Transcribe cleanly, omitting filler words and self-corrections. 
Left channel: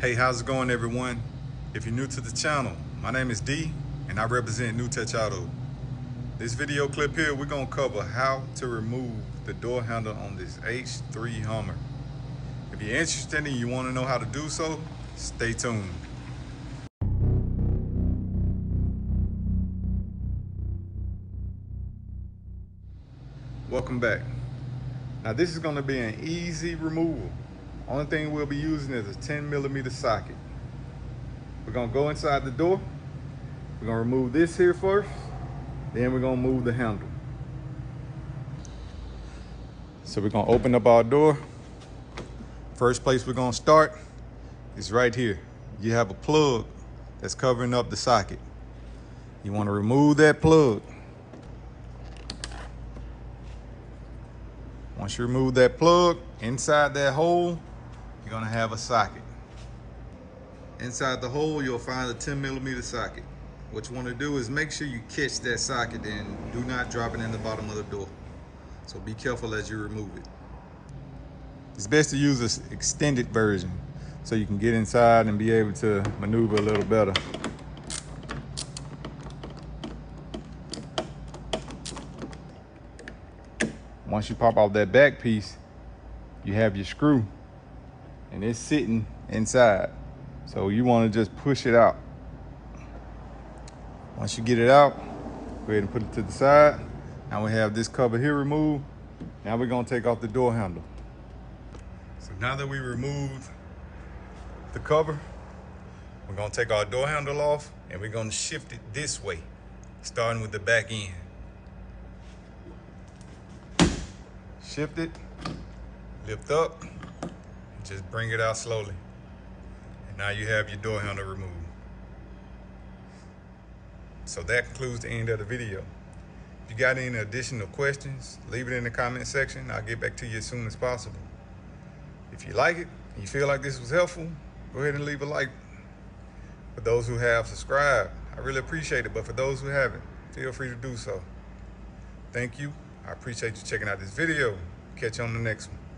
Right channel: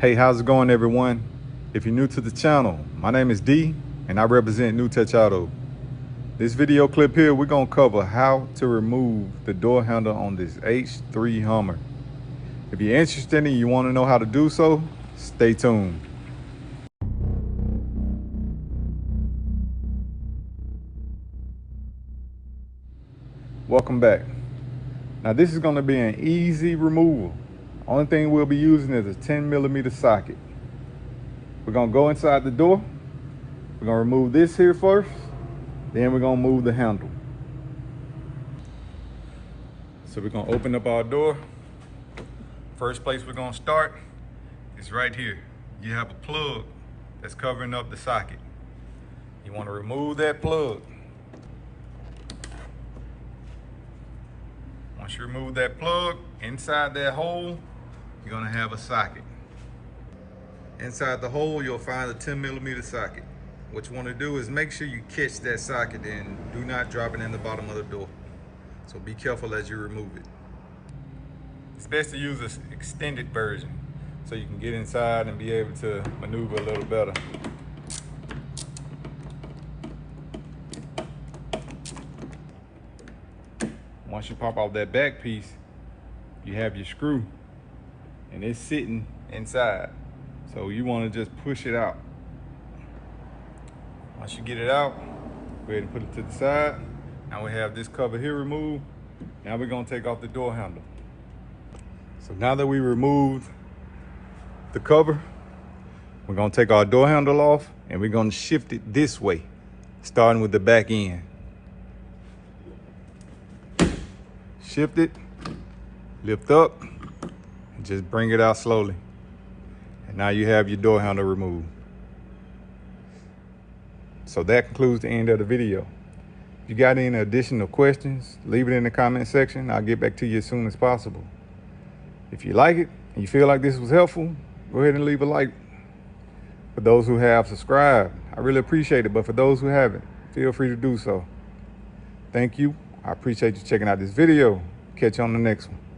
Hey, how's it going, everyone? If you're new to the channel, my name is D and I represent New Touch Auto. This video clip here, we're gonna cover how to remove the door handle on this H3 Hummer. If you're interested and you want to know how to do so, stay tuned. Welcome back. Now this is gonna be an easy removal. Only thing we'll be using is a 10mm socket. We're gonna go inside the door. We're gonna remove this here first, then we're gonna move the handle. So we're gonna open up our door. First place we're gonna start is right here. You have a plug that's covering up the socket. You wanna remove that plug. Once you remove that plug, inside that hole, you're gonna have a socket. Inside the hole, you'll find a 10mm socket. What you wanna do is make sure you catch that socket and do not drop it in the bottom of the door. So be careful as you remove it. It's best to use this extended version so you can get inside and be able to maneuver a little better. Once you pop off that back piece, you have your screw and it's sitting inside. So you want to just push it out. Once you get it out, go ahead and put it to the side. Now we have this cover here removed. Now we're gonna take off the door handle. So now that we removed the cover, we're gonna take our door handle off and we're gonna shift it this way, starting with the back end. Shift it, lift up, and just bring it out slowly. And now you have your door handle removed. So that concludes the end of the video. If you got any additional questions, leave it in the comment section. I'll get back to you as soon as possible. If you like it and you feel like this was helpful, go ahead and leave a like. For those who have subscribed, I really appreciate it. But for those who haven't, feel free to do so. Thank you. I appreciate you checking out this video. Catch you on the next one.